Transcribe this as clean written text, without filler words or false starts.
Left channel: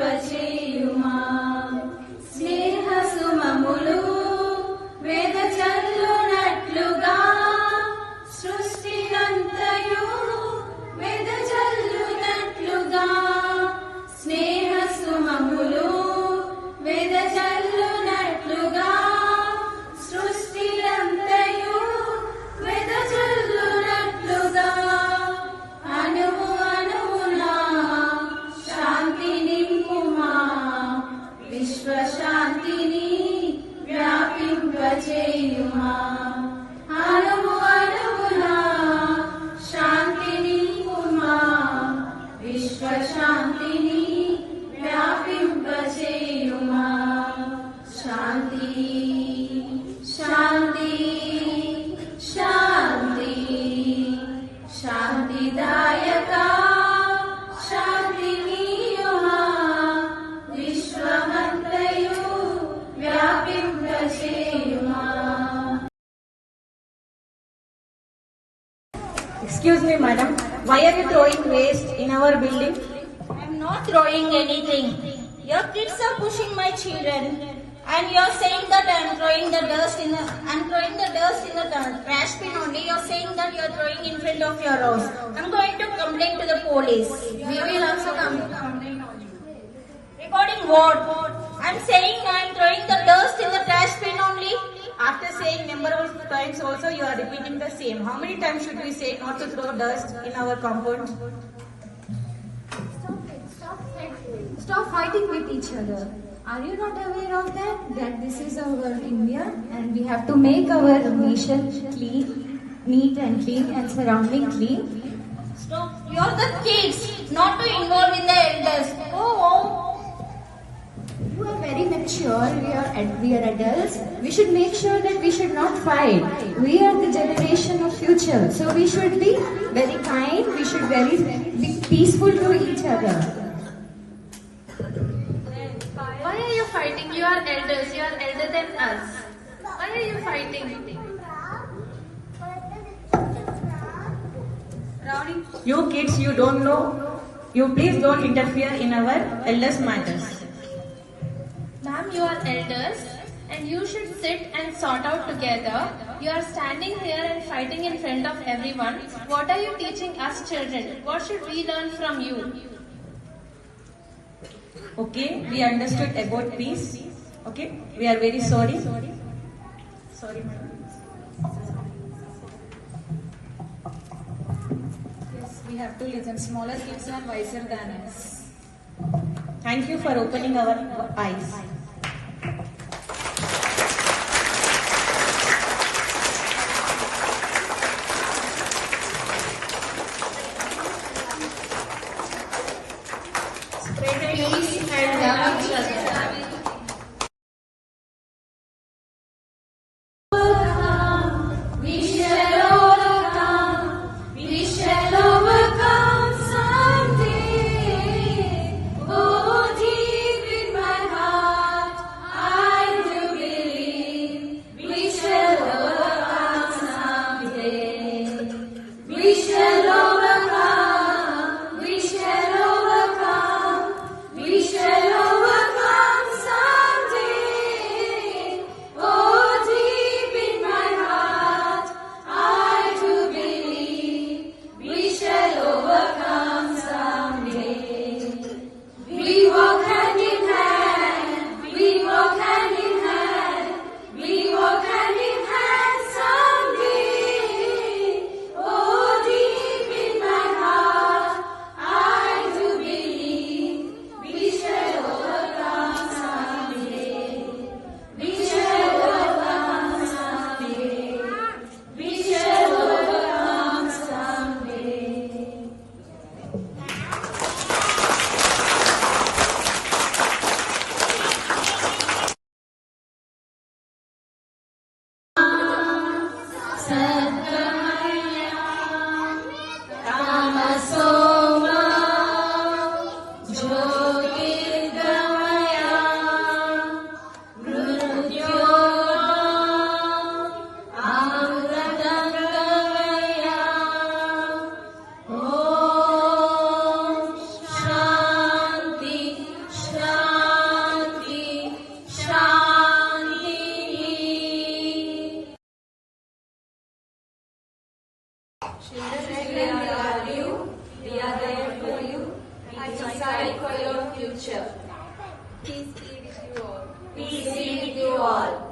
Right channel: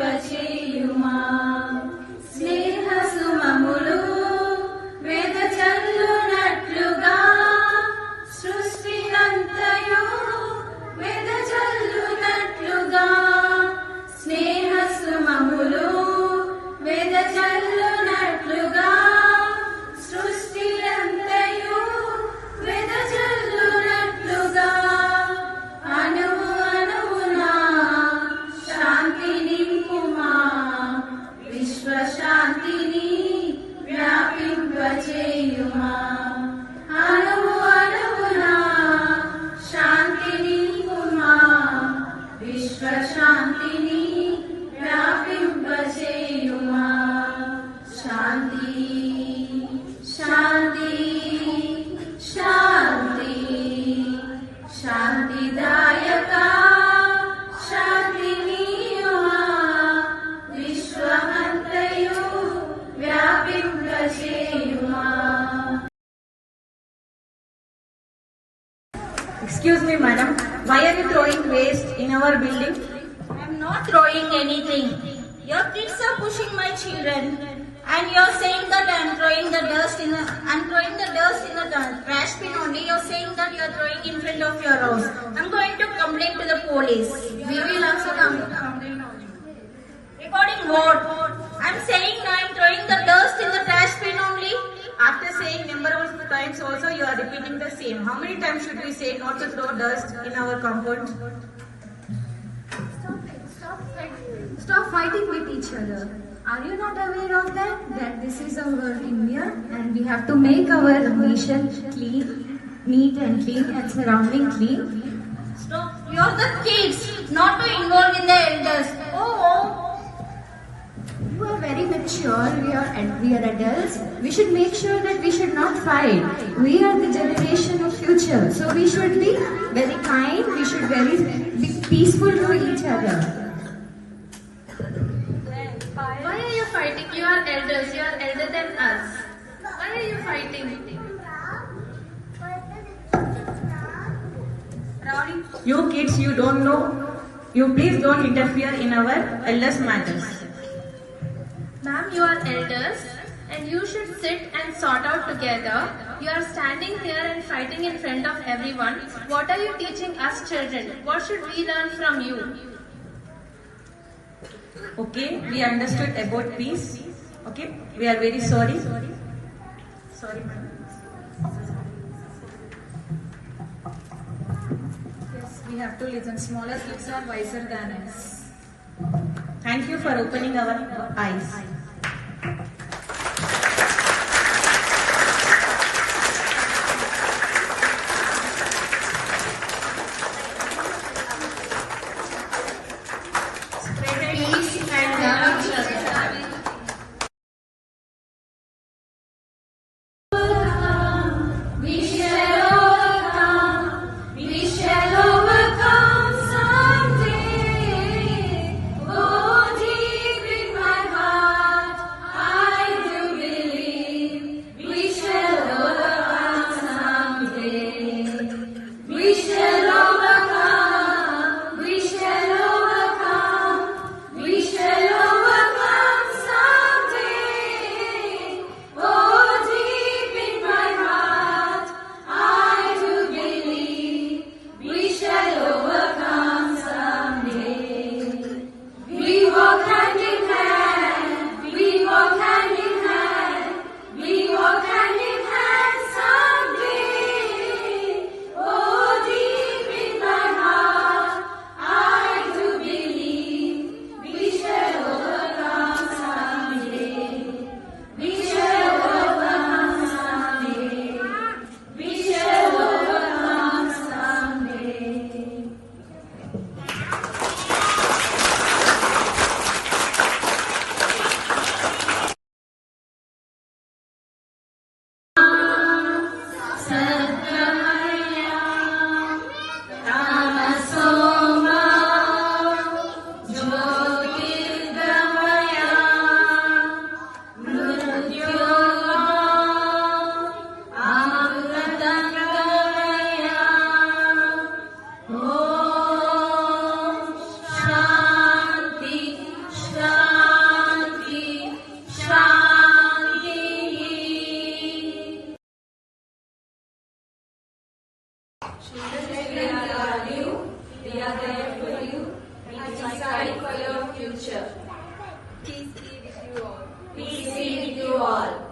వ్యాపింపచేయుమా స్నేహ సుమములు వెదజల్లునట్లుగా సృష్టినంతయు వెదజల్లునట్లుగా స్నేహ సుమములు వెదజల్లునట్లుగా సృష్టిలంతయు వెదజల్లునట్లుగా అణువు అణువున శాంతి నింపుమా విశ్వశాంతిని వ్యాపింపచేయుమా అణువు అణువున శాంతి నింపుమా విశ్వశాంతిని వ్యాపింపచేయుమా శాంతి శాంతి శాంతి శాంతిదాయక శాంతినీయుమా విశ్వమంతయు వ్యాపింపచేయుమా. Excuse me, madam. Why are you throwing waste in our building? I am not throwing anything. Your kids are pushing my children, and you are saying that I am throwing the dust in the trash bin only. You are saying that you are throwing in front of your house. I am going to complain to the police. We will also complain on you. Regarding what? I am saying I am throwing the dust in the trash bin only. After saying number of times also you are repeating the same. How many times should we say not to throw dust in our compound? Stop fighting with each other. Are you not aware of that? That this is our India and we have to make our nation clean, neat and clean and surrounding clean. Stop. You are the kids, not to involve in the elders. Oh. You are very mature. We are adults. We should make sure that we should not fight. We are the generation of future, so we should be very kind. We should be peaceful to each other. Why are you fighting? You are elders. You are elder than us. Why are you fighting? You kids, you don't know. You please don't interfere in our elders' matters. Ma'am, you are elders and you should sit and sort out together. You are standing here and fighting in front of everyone. What are you teaching us children? What should we learn from you? Okay, we understood about peace. Okay, we are very sorry. Sorry, madam. Yes, we have to listen. Smaller kids are wiser than us. Thank you for opening our eyes. Spread peace and love each other. We shall overcome someday. Oh, deep in my heart, I do believe we shall overcome someday. We shall overcome. We shall overcome. We shall overcome. Children, we love you. We are there for you. We decide for your future. Peace be with you all. Peace be with you all.